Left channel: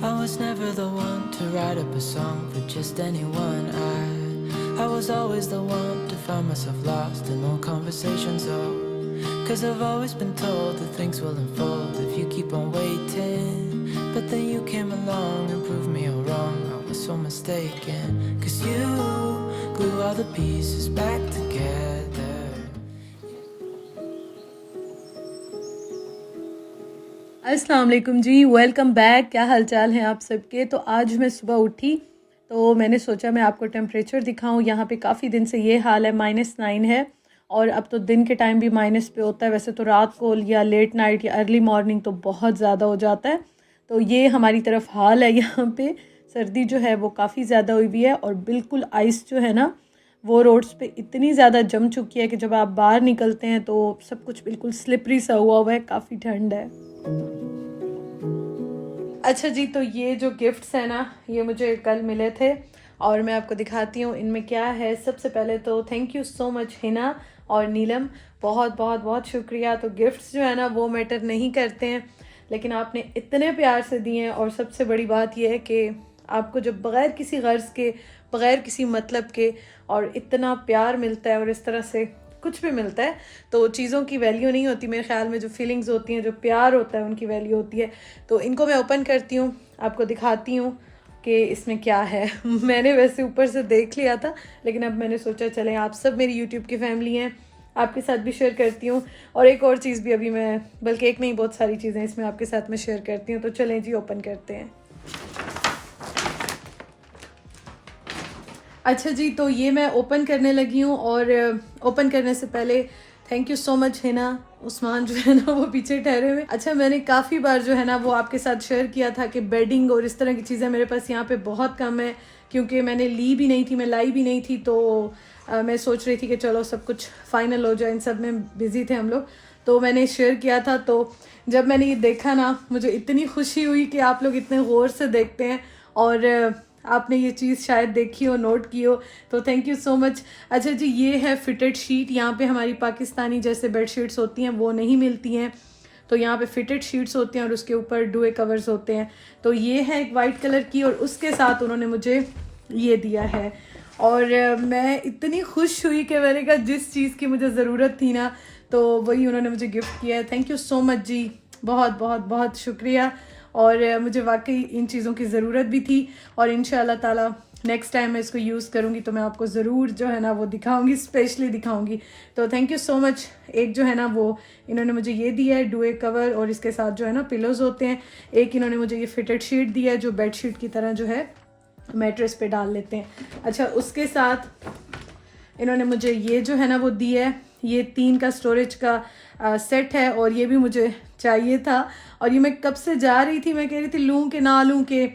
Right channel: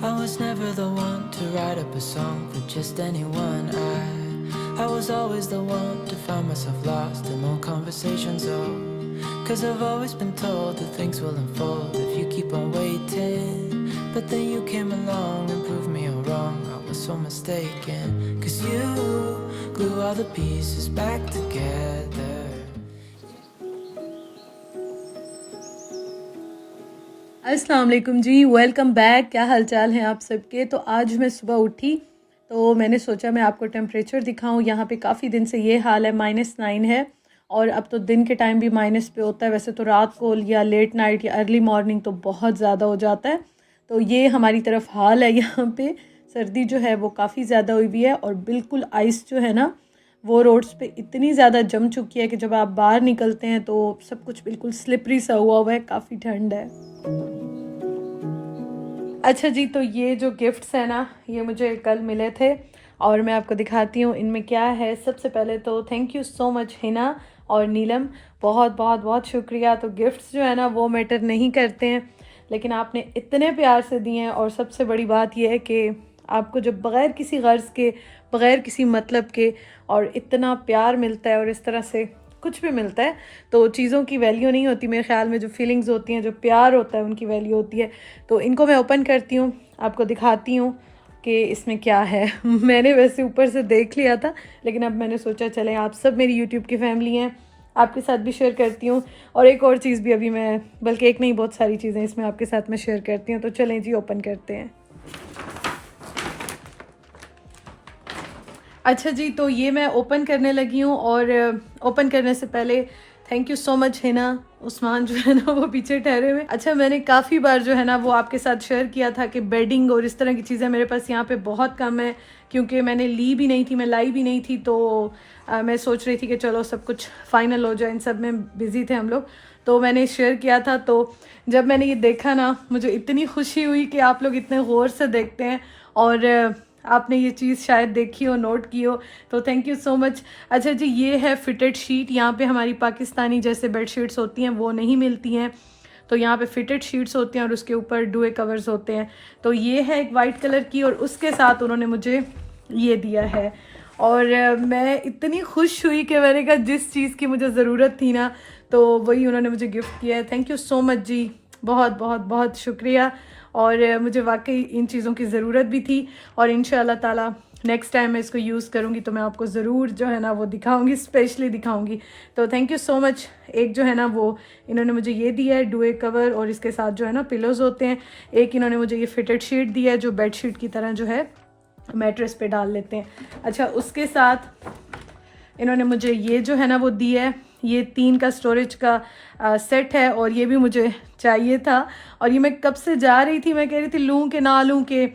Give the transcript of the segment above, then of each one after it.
I was never the one to write up a song for just anyone. I was always the one to find myself lost in long conversations. Oh, 'cause I've always been told that things will unfold if you keep on waiting. But then you came along and proved me all wrong. I was so mistaken. 'Cause you glue all the pieces back together. अस्सलाम वालेकुम जी, welcome back. क्या हाल चाल हैं आप सबके। तो आज मैं सुबह उठी तो मैंने सोचा मैं आपको टेम्परेचर दिखाऊं। यहाँ पे काफ़ी दिन से ये हाल है, -9 है और अब तो दिन के टाइम भी माइनस पे होता है। वैसे तो रात को या लेट नाइट या अर्ली मॉर्निंग तो बहुत ज़्यादा हो जाता है। तो ये हमारी तरफ हाल है। यहाँ पे सर्दी जो है वो काफ़ी ज़्यादा हुई हुई है और बिल्कुल आइस जो है ना वो रोड्स पे इतनी ज़्यादा जम चुकी है कि जब आप बाहर निकलते हैं तो सब कुछ बिल्कुल स्लिपरी सा हुआ है। काफ़ी ठंड है। अच्छा जी, तो ये जो गिफ्ट्स हैं ना ये मुझे कल मिले थे और मैं आपको दिखाती हूँ इनमें क्या है। सबसे पहले तो thank you so much Hina और नीलम, बहुत बहुत बहुत शुक्रिया। तो गिफ्ट्स जो है ना वो मैटर नहीं करते हैं, लेकिन आपने इतने प्यार से दिए हैं और सबसे बड़ी बात यह है कि आपको जब बग़ैर किसी गर्ज़ के, बग़ैर किसी मतलब के और इतना प्यार मिलता है और इस तरह से कुछ भी मिलता है तो चीज़ों की वैल्यू नहीं होती। मेरे ख्याल में जो फीलिंग्स होती हैं, जो प्यार होता है, उनकी वैल्यू होती है। तो इनको मैं ओपन करती हूँ, आपको दिखाती हूँ कि इसमें क्या है। मैंने वैसे ऊपर से देख लिया था, लेकिन अब मैंने सोचा चले आप सब मेरी यूट्यूब की फैमिली हैं, आपके साथ भी शेयर करती हूँ। और एक और चीज़ भी अभी मैं, बल्कि एक नहीं बहुत सारी चीज़ें इसमें आपके साथ में शेयर करती हूँ। तो चलें जी ओपन करते हैं। अच्छा जी, तो ये मैं ओपन करने लगी हूँ और ओपन करने से पहले thank you so much Hina, Usman जो है ना वो पीछे ठहरे हुए। अच्छा, मैंने काफ़ी बार जो है ना वो आपके साथ शेयर किया था कि बेडिंग और इस तरह की चीज़ें मेरे पास यहाँ पे बहुत कम है, क्योंकि मैंने ली भी नहीं थी, मैं लाई भी नहीं थी। तो मैं सोच रही थी कि चलो सब कुछ फाइनल हो जाए, इन सब में बिज़ी थे हम लोग। तो मैंने शेयर किया था। तो जब मैंने ये देखा ना मुझे इतनी खुशी हुई कि आप लोग इतने गौर से देखते हैं और आपने ये चीज़ शायद देखी हो, नोट की हो, तो थैंक यू सो मच। अच्छा जी, ये है फिटेड शीट। यहाँ पे हमारी पाकिस्तानी जैसे बेड शीट्स होती हैं वो नहीं मिलती हैं, तो यहाँ पे फिटेड शीट्स होती हैं और उसके ऊपर डुए कवर्स होते हैं। तो ये है एक वाइट कलर की और उसके साथ उन्होंने मुझे ये दिया है और मैं इतनी खुश हुई कि मैंने कहा जिस चीज़ की मुझे ज़रूरत थी ना तो वही उन्होंने मुझे गिफ्ट किया है। थैंक यू सो मच जी, बहुत बहुत बहुत शुक्रिया। और मुझे वाकई इन चीज़ों की ज़रूरत भी थी और इंशाल्लाह ताला नेक्स्ट टाइम मैं इसको यूज़ करूँगी तो मैं आपको ज़रूर जो है ना वो दिखाऊंगी, स्पेशली दिखाऊंगी। तो थैंक यू सो मच। एक जो है ना वो इन्होंने मुझे ये दिया है डुए कवर और इसके साथ जो है ना पिलोज़ होते हैं। एक इन्होंने मुझे ये फिटेड शीट दिया है जो बेड शीट की तरह जो है मैट्रेस पे डाल लेते हैं। अच्छा, उसके साथ इन्होंने मुझे ये जो है ना वो दिया है, ये 3 का स्टोरेज का सेट है और ये भी मुझे चाहिए था और ये मैं कब से जा रही थी, मैं कह रही थी लूँ कि ना लूँ, कि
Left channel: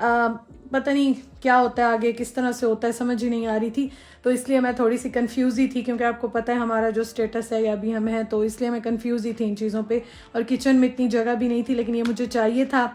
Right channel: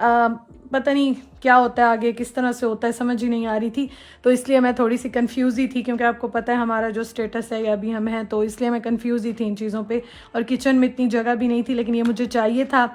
पता नहीं क्या होता है आगे, किस तरह से होता है, समझ ही नहीं आ रही थी। तो इसलिए मैं थोड़ी सी कंफ्यूज ही थी, क्योंकि आपको पता है हमारा जो स्टेटस है या अभी हम हैं, तो इसलिए मैं कंफ्यूज ही थी इन चीज़ों पे और किचन में इतनी जगह भी नहीं थी, लेकिन ये मुझे चाहिए था।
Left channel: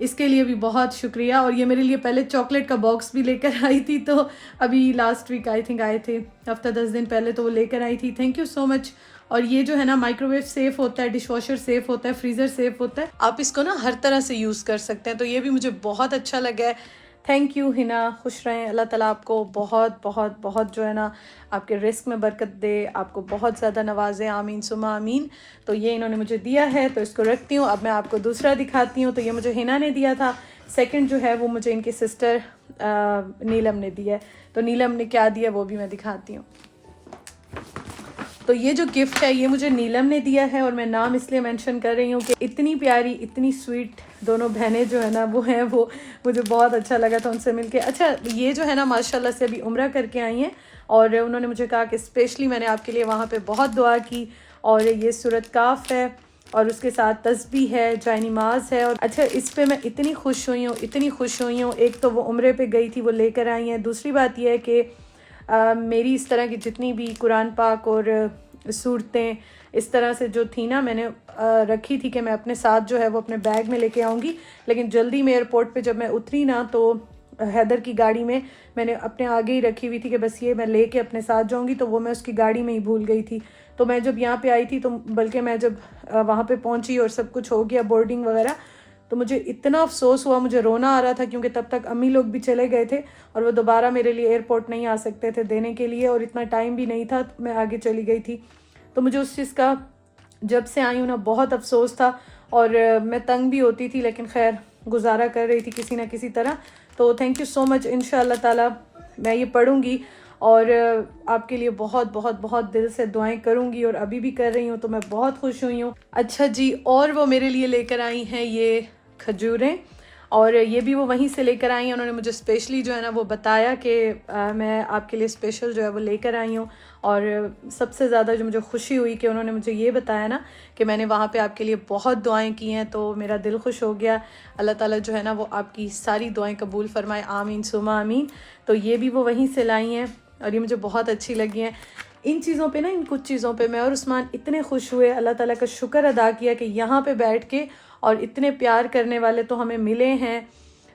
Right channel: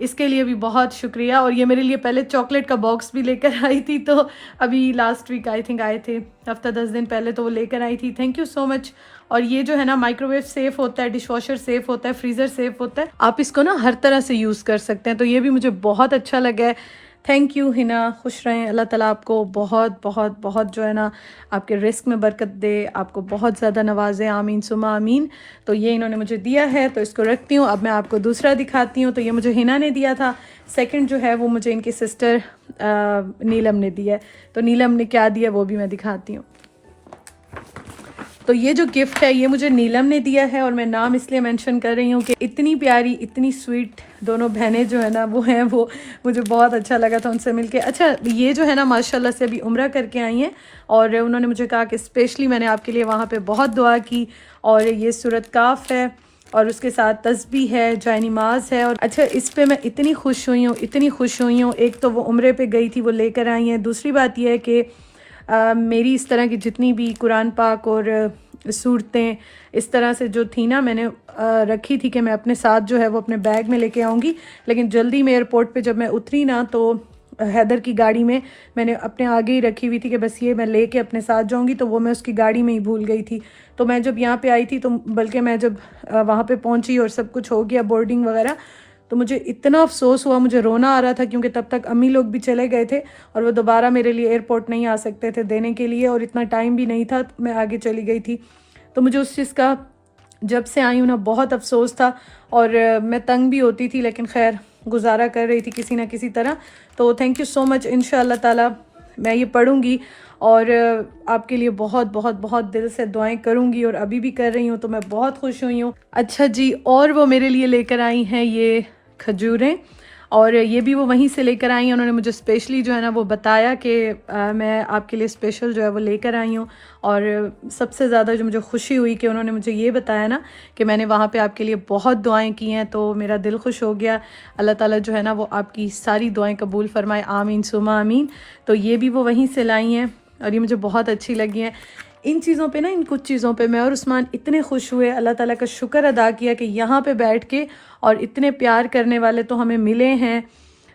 इसके लिए भी बहुत शुक्रिया। और ये मेरे लिए पहले चॉकलेट का बॉक्स भी लेकर आई थी, तो अभी लास्ट वीक आई थिंक आए थे, हफ्ता 10 दिन पहले, तो वो लेकर आई थी। Thank you so much. और ये जो है ना माइक्रोवेव सेफ़ होता है, डिश वॉशर सेफ़ होता है, फ्रीज़र सेफ़ होता है, आप इसको ना हर तरह से यूज़ कर सकते हैं। तो ये भी मुझे बहुत अच्छा लगा है। थैंक यू हिना, खुश रहें, अल्लाह ताला आपको बहुत बहुत बहुत जो है ना आपके रिस्क में बरकत दे, आपको बहुत ज़्यादा नवाजे, आमीन सुमा आमीन। तो ये इन्होंने मुझे दिया है तो इसको रखती हूँ। अब मैं आपको दूसरा दिखाती हूँ। तो ये मुझे हिना ने दिया था। सेकंड जो है वो मुझे इनकी सिस्टर नीलम ने दिया है। तो नीलम ने क्या दिया वो भी मैं दिखाती हूँ। तो ये जो गिफ्ट है ये मुझे नीलम ने दिया है और मैं नाम इसलिए मेंशन कर रही हूँ कि इतनी प्यारी, इतनी स्वीट दोनों बहनें जो है ना वो हैं, वो मुझे बहुत अच्छा लगा था उनसे मिलके। अच्छा, ये जो है ना माशाल्लाह से अभी उम्रा करके आई हैं और उन्होंने मुझे कहा कि स्पेशली मैंने आपके लिए वहाँ पे बहुत दुआ की। और ये सूरत काफ है और उसके साथ तस्बीह है, जाय नमाज है। और अच्छा, इस पर मैं इतनी खुश हुई हूँ, इतनी खुश हुई हूँ। एक तो वो उम्रे पे गई थी, वो लेकर आई हैं। दूसरी बात यह है कि मेरी इस तरह की जितनी भी कुरान पाक और सूरतें इस तरह से जो थी ना, मैंने रखी थी कि मैं अपने साथ जो है वो अपने बैग में लेके आऊँगी। लेकिन जल्दी में एयरपोर्ट पे जब मैं उतरी ना तो हैदर की गाड़ी में मैंने अपने आगे ही रखी हुई थी कि बस ये मैं लेके अपने साथ जाऊँगी, तो वो मैं उसकी गाड़ी में ही भूल गई थी। तो मैं जब यहाँ पे आई थी तो बल्कि मैं जब वहाँ पे पहुँची और सब कुछ हो गया बोर्डिंग वगैरह, तो मुझे इतना अफसोस हुआ, मुझे रोना आ रहा था क्योंकि तब तक अम्मी लोग भी चले गए थे और वो दोबारा मेरे लिए एयरपोर्ट नहीं आ सकते थे देने के लिए, और इतना टाइम भी नहीं था, मैं आगे चली गई थी। तो मुझे उस चीज़ का जब से आई हूँ ना बहुत अफसोस था, और मैं तंग भी होती थी, लेकिन खैर गुजारा कर रही थी किसी ना किसी तरह। तो थैंक यू सो मच। इंशाअल्लाह ताला मैं ये पढ़ूँगी और आपके लिए बहुत बहुत बहुत दिल से दुआएं करूँगी, और अभी भी कर रही हूँ, तो मैं बहुत खुश हुई हूँ। अच्छा जी, और वो मेरे लिए लेकर आई हैं ये खजूरें, और ये भी वो वहीं से लेकर आई हैं। उन्होंने मुझे स्पेशली जो है ना वो बताया कि मैं आपके लिए स्पेशल जो है वो लेकर आई हूँ, और सबसे ज़्यादा जो मुझे खुशी हुई कि उन्होंने मुझे ये बताया ना कि मैंने वहाँ पे आपके लिए बहुत दुआएं की हैं, तो मेरा दिल खुश हो गया। अल्लाह ताला जो है ना वो आपकी सारी दुआएं कबूल फरमाए, आमीन सुमा आमीन। तो ये भी वो वहीं से लाई हैं और ये मुझे बहुत अच्छी लगी हैं। इन चीज़ों पे ना, इन कुछ चीज़ों पे मैं और उस्मान इतने खुश हुए, अल्लाह ताला का शुक्र अदा किया कि यहाँ पे बैठ के, और इतने प्यार करने वाले तो हमें मिले हैं,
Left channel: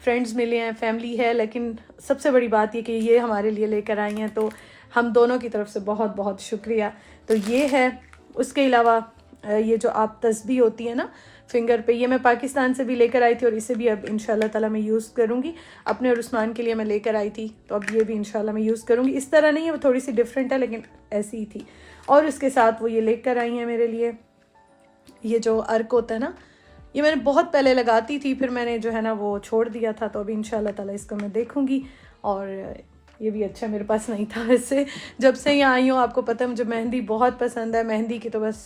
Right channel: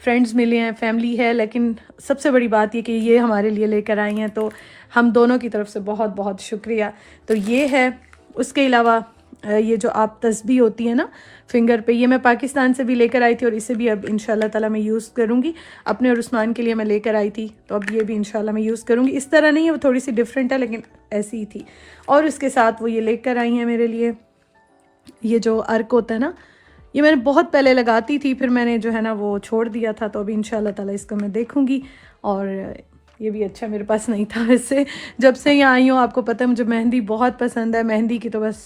फ्रेंड्स मिले हैं, फैमिली है, लेकिन सबसे बड़ी बात ये कि ये हमारे लिए लेकर आई हैं, तो हम दोनों की तरफ से बहुत बहुत शुक्रिया। तो ये है। उसके अलावा ये जो आप तस्बीह होती है ना फिंगर पे, ये मैं पाकिस्तान से भी लेकर आई थी, और इसे भी अब इंशाल्लाह ताला मैं यूज़ करूँगी। अपने और उस्मान के लिए मैं लेकर आई थी, तो अब ये भी इंशाल्लाह मैं यूज़ करूँगी। इस तरह नहीं है, वो थोड़ी सी डिफरेंट है, लेकिन ऐसी ही थी। और उसके साथ वो ये लेकर आई हैं मेरे लिए, ये जो अर्क होता है ना, ये मैंने बहुत पहले लगाती थी, फिर मैंने जो है ना वो छोड़ दिया था, तो अभी इंशाल्लाह ताला इसको मैं देखूँगी। और ये भी अच्छा मेरे पास नहीं था वैसे, जब से यहाँ आई हूँ। आपको पता है मुझे मेहंदी बहुत पसंद है, मेहंदी की तो बस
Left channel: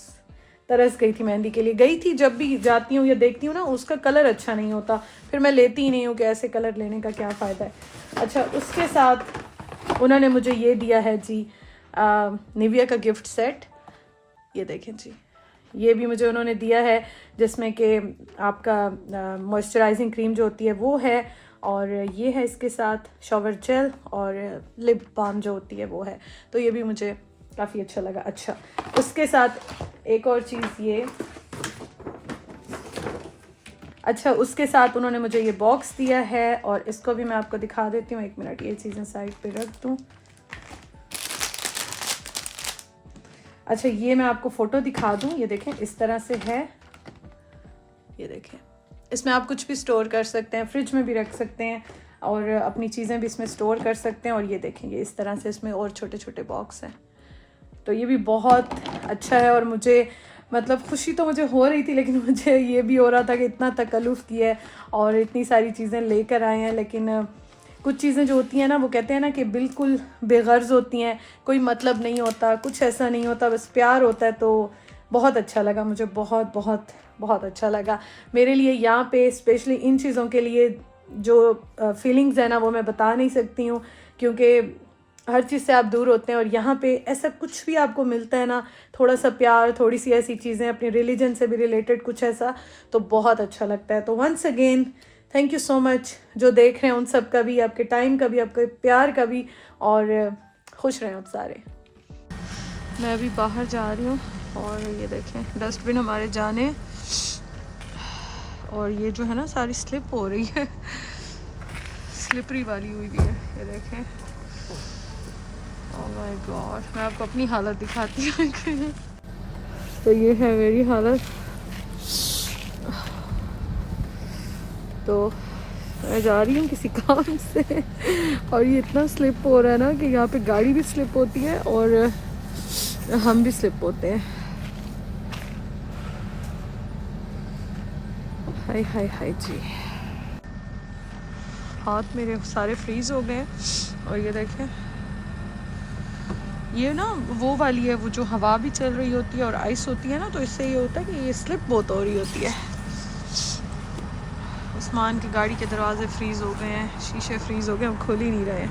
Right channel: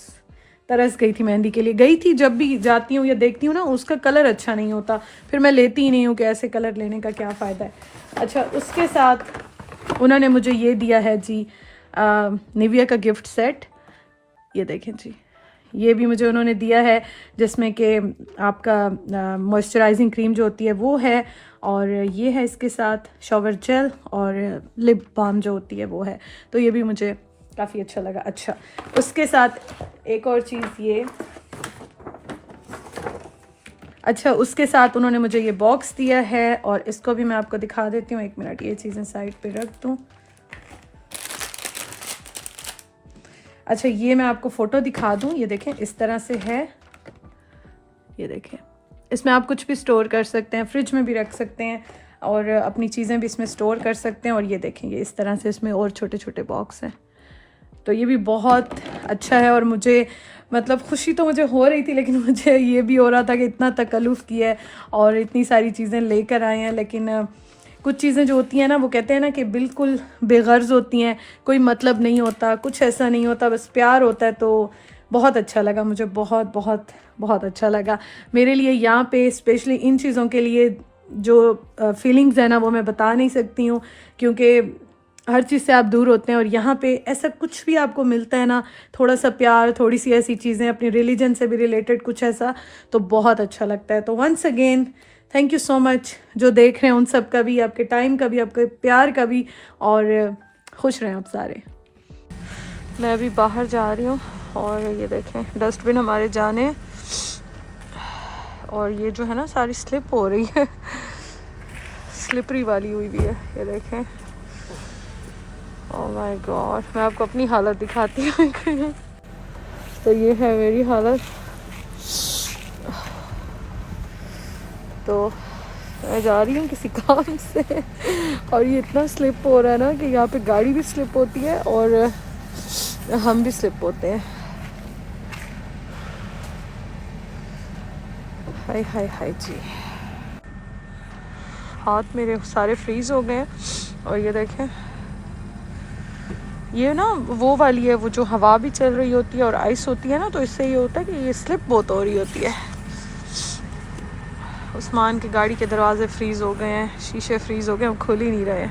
तरस गई थी, मेहंदी के लिए गई थी। जब भी जाती हूँ या देखती हूँ ना उसका कलर अच्छा नहीं होता, फिर मैं लेती ही नहीं हूँ कि ऐसे कलर लेने का क्या फ़ायदा है। अच्छा, उसके साथ उन्होंने मुझे ये दिया है जी निविया का गिफ्ट सेट, ये देखें जी, ये भी मुझे उन्होंने दिया है, जिसमें कि आपका मॉइस्चराइजिंग क्रीम जो होती है वो है, और ये है इसके साथ शॉवर जेल, और लिप बाम जो होती है वो है। तो ये भी मुझे काफ़ी अच्छा लगा। अच्छा, उसके साथ एक और चीज़ ये, अच्छा उसके साथ उन्होंने मुझे ये बॉक्स दिया है, और इसको भी मैं आपको दिखा देती हूँ। एक मिनट, ये चीज़ें साइड पे रख दूँ। अच्छा, ये मैं आपको फ़ोटो दिखा दूँ, ये देखें इस तरह से है, ये देखें। इसमें आप कुछ भी स्टोर कर सकते हैं, फ्रिज में भी रख सकते हैं, और अपनी चीज़ें भी इसमें स्टोर कर सकते हैं। और ये देखें, ये इस तरह से इसमें और छोटे छोटे बॉक्स हैं, तो ये भी बहुत अच्छा है। और मुझे मतलब खुशी तो मुझे हो रही थी, लेकिन मुझे ये भी हो रहा था कि इतना तकल्लुफ़ किया है और इतनी सारी चीज़ें लेकर आए हैं, लेकिन कुछ चीज़ें जो होती हैं ना, वो कहते हैं ना कि बिल्कुल बेगर्ज होती हैं, कोई मतलब नहीं होता, कुछ ऐसा नहीं होता, बस प्यार होता है। तो बहुत अच्छा लगा मुझे, बहुत बहुत बहुत अच्छा लगा मेरे लिए। यहाँ पे स्पेशली इन चीज़ों के लिए जो फीलिंग्स है ना, वो मैं बता नहीं सकती हूँ, क्योंकि हर चीज़ से आप दूर होते हैं, और यहाँ पे ऐसा कुछ भी आपको मिलता है ना, थोड़ा सा प्यार, थोड़ी सी ऐसी चीज़ें अपनी रिलीजन से भी रिलेटेड कुछ ऐसा, तो बहुत अच्छा लगता है। तो once again thank you so much, जो देख रहे हैं उन सब का भी, आपके टाइम का भी, आपके प्यार का भी, और खुश रहें आप सारे। मैं अभी बाहर जा रही हूँ, और ये देखें डस्टबिन हमारे जाने, और ये जो है ना सारी स्लिप हो रही है, स्लिपरी वाली हुई भी है, ये देखें। ओह माय गॉड, मैं आपको अपनी हालत दिखाती हूँ। तो ये है मेरी हालत। तो मैं जा रही हूँ किसी काम से, और ये इतना स्लिप हो रहा है ना कि यहाँ पे गाड़ी भी स्लिप होती है और हम भी स्लिप होते हैं। हाय हाय हाय जी, हाथ मेरे सारे फ्रीज हो गए हैं। और ये देखें, ये ना वो वाली है, वो जो हवा भी चल रही होती है और आइस होती है ना, तो इससे ये होता है कि ये स्लिप बहुत हो रही होती है। उस्मान की गाड़ी के दरवाजे फ्रीज हो गए हैं, शीशे फ्रीज हो गए, हम खुल ही नहीं रहे।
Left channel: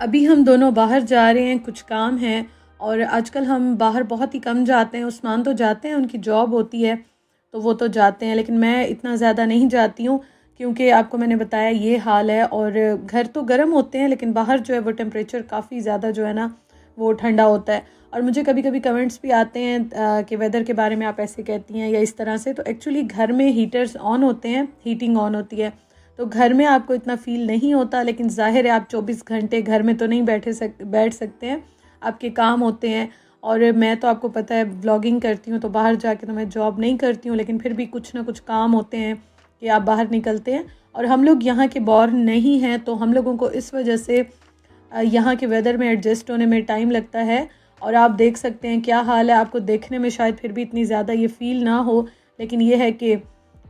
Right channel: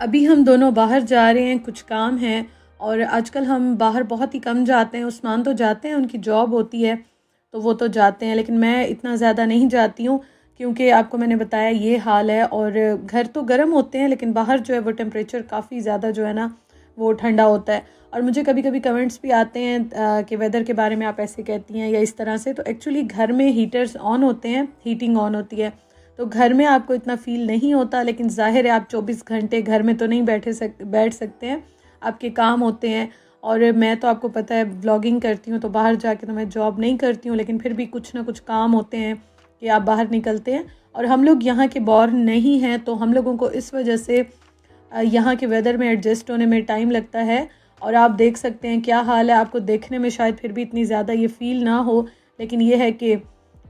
अभी हम दोनों बाहर जा रहे हैं, कुछ काम है, और आजकल हम बाहर बहुत ही कम जाते हैं। उस्मान तो जाते हैं, उनकी जॉब होती है तो वो तो जाते हैं, लेकिन मैं इतना ज़्यादा नहीं जाती हूँ, क्योंकि आपको मैंने बताया ये हाल है। और घर तो गर्म होते हैं, लेकिन बाहर जो है वो टेम्परेचर काफ़ी ज़्यादा जो है ना वो ठंडा होता है। और मुझे कभी कभी कमेंट्स भी आते हैं कि वेदर के बारे में आप ऐसे कहती हैं या इस तरह से। तो एक्चुअली घर में हीटर्स ऑन होते हैं, हीटिंग ऑन होती है, तो घर में आपको इतना फील नहीं होता। लेकिन ज़ाहिर है आप 24 घंटे घर में तो नहीं बैठ सकते हैं, आपके काम होते हैं। और मैं तो आपको पता है व्लॉगिंग करती हूँ तो बाहर जाके तो मैं जॉब नहीं करती हूँ, लेकिन फिर भी कुछ ना कुछ काम होते हैं कि आप बाहर निकलते हैं। और हम लोग यहाँ के बॉर्न नहीं हैं तो हम लोगों को इस वजह से यहाँ के वेदर में एडजस्ट होने में टाइम लगता है। और आप देख सकते हैं क्या हाल है, आपको देखने में शायद फिर भी इतनी ज़्यादा ये फील ना हो, लेकिन ये है कि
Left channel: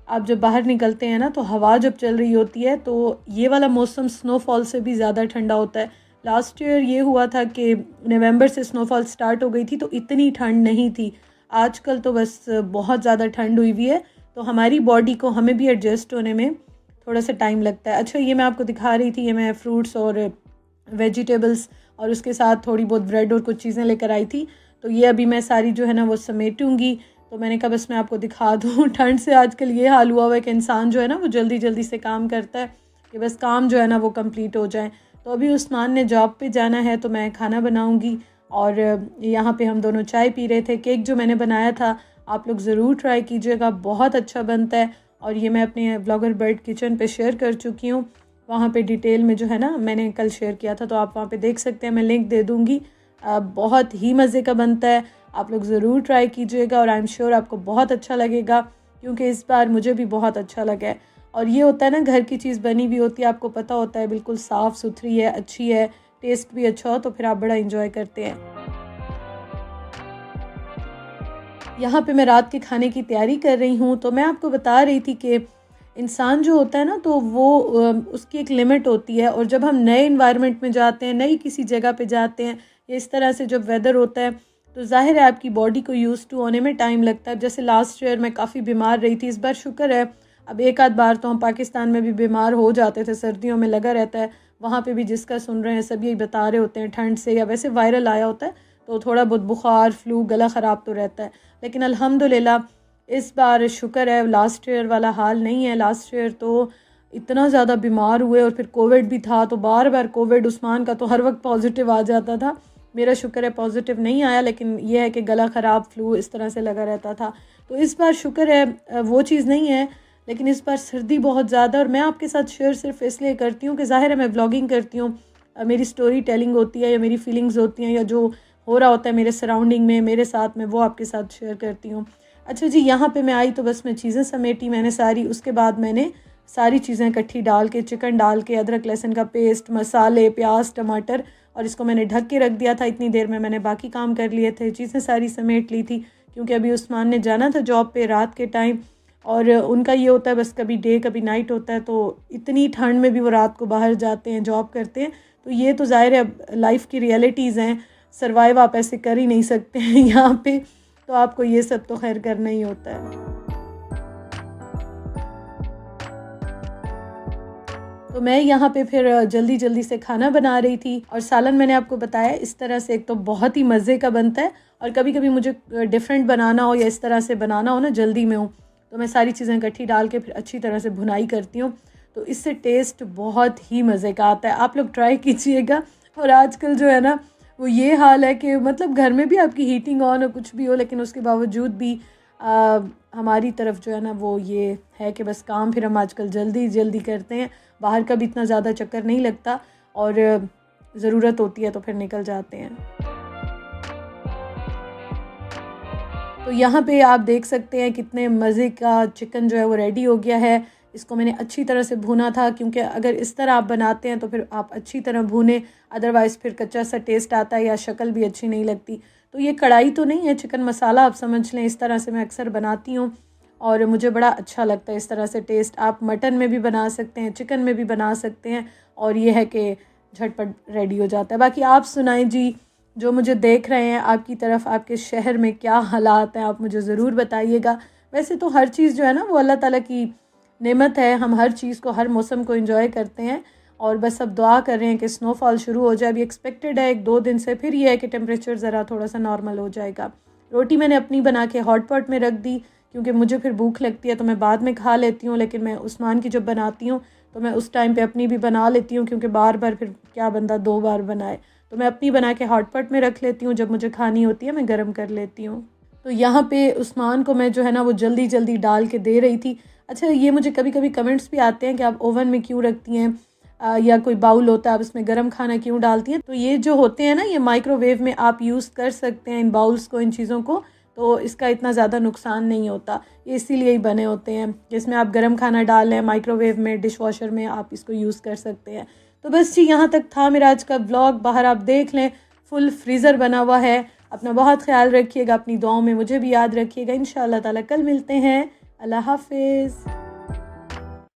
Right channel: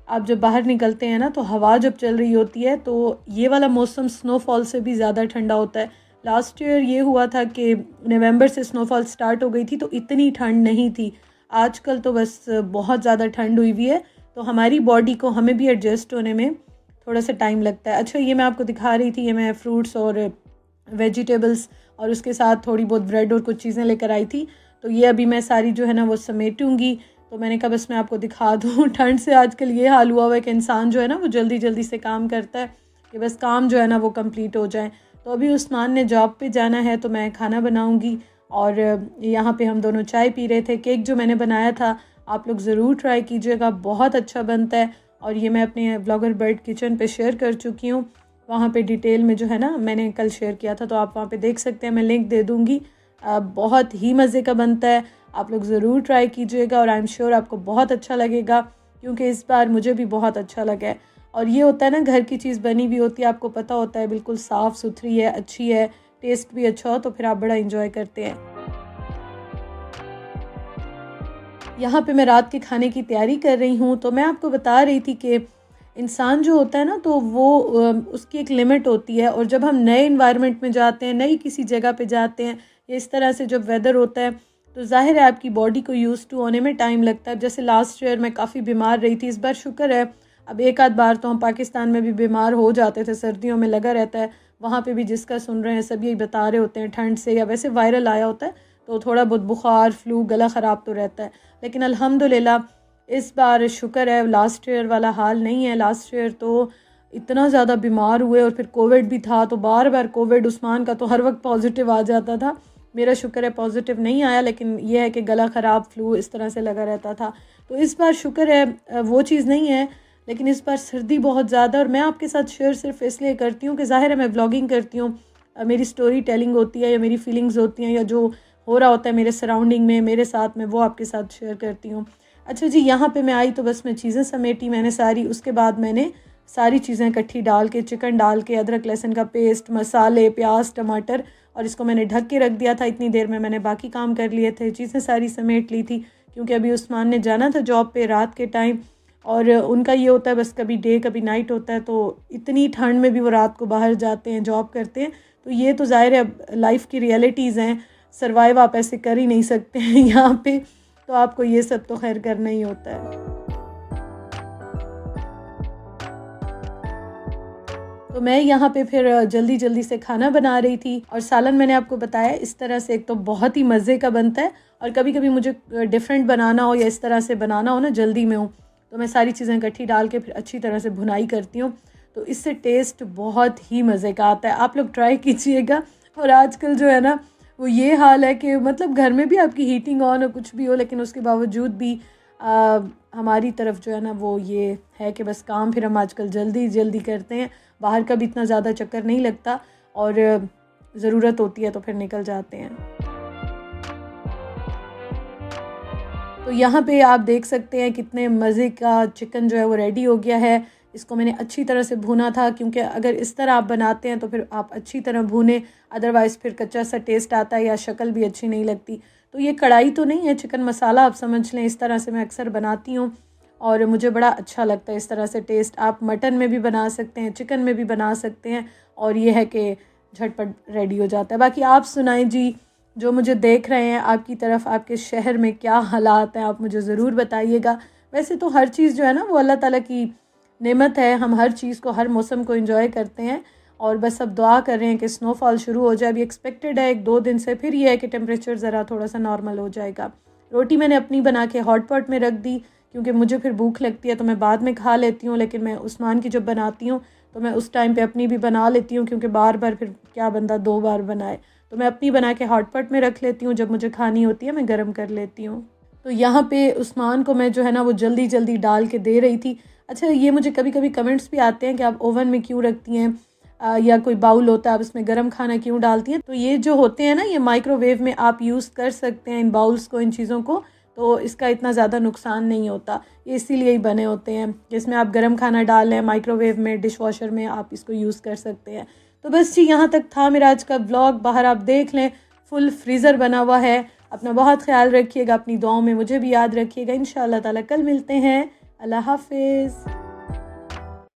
आप जब बाहर निकलते हैं ना तो हवा जब चल रही होती है तो ये वाला मौसम स्नोफॉल से भी ज़्यादा ठंडा होता है। लास्ट ईयर ये हुआ था कि नवंबर से स्नोफॉल स्टार्ट हो गई थी तो इतनी ठंड नहीं थी। आजकल तो बस बहुत ज़्यादा ठंड हुई हुई है, तो हमारी बॉडी को हमें भी एडजस्ट होने में थोड़ा सा टाइम लगता है। अच्छा, ये मैं आपको दिखा रही थी, ये मैं फ्रूट्स और वेजिटेबल्स और उसके साथ थोड़ी बहुत ब्रेड और कुछ चीज़ें लेकर आई थी। तो ये अभी मैं सारी जो है ना वो समेटूंगी। तो मैंने कहा बस मैं आपको दिखा दूँ। ठंड से आजकल ये हाल हुआ हुआ है कि इंसान जो है ना वो जल्दी जल्दी से काम करता है कि बस काम जो है ना वो कंप्लीट हो जाए। तो अभी उस्मान ने जॉब पे जाना है तो मैं खाना बनाऊंगी और यहाँ पे हम दोनों चाय पी रहे थे। केक जो मैंने बनाया था आप लोग ज़रूर ट्राई कीजिएगा, बहुत अच्छा बनता है। और ये मैं अपने ब्लॉगर बर्ड किचन पे शेयर कर चुकी हूँ, वहाँ पे डिटेल में जो है ना मैंने कल शेयर किया था, तो आप वहाँ पे देख सकते हैं, मैं लिंक दे दूँगी। बहुत ही मज़े का बनता है, आप लोग ज़रूर ट्राई कीजिएगा और आई एम श्योर आपको बहुत अच्छा लगेगा, क्योंकि इस बार मुझे भी बहुत अच्छा लगा है। और ये होता है ना, घर की चीज़ बनी हुई होती है, आपको पता होता है बिल्कुल साफ़ सुथरी है, अच्छी है, टेस्ट भी अच्छा हो, तो फिर आप बड़ा इंजॉय करते हैं। यहाँ पे मैं रात के खाने की तैयारी कर रही हूँ। तो मैं आपको बता रही थी कि इंसान जो होता है ना तो वो उसकी एक लिमिट होती है, और जब हम नए इन्वायरमेंट में जाते हैं, नई किसी जगह पे जाते हैं, या इस तरह से जब वेदर होता है तो ज़ाहिर है आपकी बॉडी को यूज़ टू होने में टाइम लगता है। जैसे लास्ट ईयर मैं काफ़ी बीमार रही थी, इस बार शुक्र है अब एक आध बार तो हम पाकिस्तान में भी बीमार हो जाते थे, सर्दियों में लगा रहता है। वहाँ पे भी जिसका सुन रहे हैं सब यही बता रहे होते हैं, ठंड से या वैसे वायरल आया होता है तो थोड़ा बहुत बुखार, फ्लू, गला ख़राब तो रहता है। लेकिन अल्हम्दुलिल्लाह इस बार शुक्र है लास्ट ईयर वाला हाल नहीं है। लास्ट ईयर तो इतना ज़्यादा बीमार हुए, और फिर कोविड भी था तो बार बार कोविड, उस्मान का तो हर वक्त पॉजिटिव आ जाता था, मेरा शुक्र है पॉजिटिव नहीं आया, लेकिन यह है कि गला ख़राब, फ्लू इस तरह से लगा रहता था। तो इस बार शुक्र है वो चीज़ नहीं है, लेकिन इस बार सर्दी बहुत ज़्यादा। और मैं आपके साथ शेयर सिर्फ इसलिए करती हूँ कि ज़ाहिर है मैं व्लॉगिंग करती हूँ, मेरी स्टोरी टेलिंग होती है, या मेरी फीलिंग्स होती हैं, या जो हो रहा होता है मेरे सराउंडिंग में, मेरे साथ में, वो आपके साथ शेयर करती हूँ। अच्छा जी, यहाँ पे मैं आई तो बस मैं चीज़ें समेटी मैंने सारी, उसके बाद मैंने सारी चीज़ें इकट्ठी डाल के, चिकन डाल के, अदरक लहसुन का पेस्ट, मसाले, प्याज, टमाटर, और इसको मैंने ढक के रख दिया था। इतनी देर में मैंने बाकी काम कर लिए थे, चीज़ें सारी समेट ली थी, क्योंकि अभी उस्मान ने जाना था जॉब पे रात के टाइम, और उनका ये होता है बस कभी डे कभी नाइट होता है, तो इतनी ठंड में भी वो रात को बाहर जाते हैं, जॉब करते हैं। तो ये तो ज़ाहिर है लाइफ की रियलिटीज़ हैं, सर्वाइव आप ऐसे कर ही नहीं सकते हैं यहाँ पे, तो आपको ये सब तो खैर करना ही होता है। तो मैं यहाँ पे फिर जल्दी जल्दी से खाना बना रही थी, और सालन मैंने आपको बताया इस तरह से एक तो बहुत ही मज़े का बनता है, और कभी कभी मुझे डिफरेंट बनाना हो या इस तरह से बनाना हो ना, जल्दी में हूँ, तो मैं सारी चीज़ें इकट्ठी डाल के फिर अच्छी तरह से भुनाई करती हूँ, तो इससे टेस्ट बहुत ही मज़े का आता है। आप लोग ट्राई कीजिएगा। और आजकल जो है ना वो ये हाल है कि मतलब घर में भी आपकी हीटिंग ऑन हो, कुछ भी हो, लेकिन उसके बावजूद भी हमारी तरफ जो है ना वो ये है कि बस काम फिर हम आजकल जल्दी जल्दी करते हैं, बाहर का भी इतना ज़्यादा चक्कर नहीं लगता, और ज़रूरत होती है तो फिर निकल जाते हैं। तो यहाँ पे आप देख सकते हैं कितने मज़े का चिकन जो है वो रेडी हो गया है। इसको मैंने अच्छी तरह से भुना था, क्योंकि अगर इस तरह आप बनाते हैं तो फिर आप अच्छी तरह भुने, अदरवाइज़ फिर कच्चा सा टेस्ट आता है या शक्ल भी अच्छी नहीं लगती। तो ये कढ़ाई तो नहीं है, चिकन मसाला आप समझ लें, इस तरह से मैं अक्सर बनाती हूँ और मुझे बड़ा अच्छा लगता है इस तरह से टेस्ट। आप मटन में भी बना सकते हैं, चिकन में भी बना सकते हैं, और ये है कि झटपट रेडी हो जाता है। बाकी आप सुनाएं जी, जो मुझे देख रहे हैं आपकी तरफ, आपके शहर में क्या हालात हैं, आप मुझे ज़रूर बताइएगा। वैसे तो हर चीज़ जो है ना वो अल्लाह ताला की नेमत है, हम हर चीज़ को, हर मौसम को एंजॉय करते हैं, और बस अब दुआ कर रहे हैं कि स्नोफॉल शुरू हो जाए। अभी एक्सपेक्टेड है 1-2 दिन से, फिर ये है कि टेम्परेचर ज़रा थोड़ा सा नॉर्मल हो जाएगा। रोटी मैंने अपनी बना के हॉट पॉट में रख दी, क्योंकि मुझे फिर भूख लगती है तो मैं बाद में खा लेती हूँ, लेकिन मैं उस्मान की जब बनाती हूँ तो मैं उस टाइम पे अपनी भी बना लेती हूँ, क्योंकि बार बार फिर क्या बंदा 2 बार बनाए, तो मैं अपनी बना के हॉट पॉट में रख लेती हूँ, जब मुझे खानी होती है मैं गर्म कर लेती हूँ। तो यहाँ पे उस्मान को मैं जो है ना वो जल्दी जल्दी डाल के दे रही थी। अच्छा, ये मुझे कभी कभी कमेंट्स भी आते हैं कि आप ओवन में क्यों रखती हैं, या कोई बाउल होता है, आप इसमें गर्म खाना क्यों डालती हैं। तो ये जो होते हैं ना, ये माइक्रोवेव में आप यूज़ कर सकते हैं इन बाउल्स को, इन चीज़ों को, तो इसका इतना ज़्यादा नुकसान नहीं होता। ये इसीलिए ही बने होते हैं, जिसमें आप गर्म खाना डाल लें माइक्रोवेव में, डिश वॉशर में आप इसको यूज़ कर सकते हैं। तो बस जी, यहाँ तक था मेरा आज का व्लॉग। बाहर आप देख लें फुल फ्रीज़र बना हुआ है। अपना बहुत ख्याल रखिएगा, अपनी दुआओं में मुझे भी याद रखिएगा। इंशाअल्लाह ताला कल मिलते हैं। अल्लाह हाफिज़।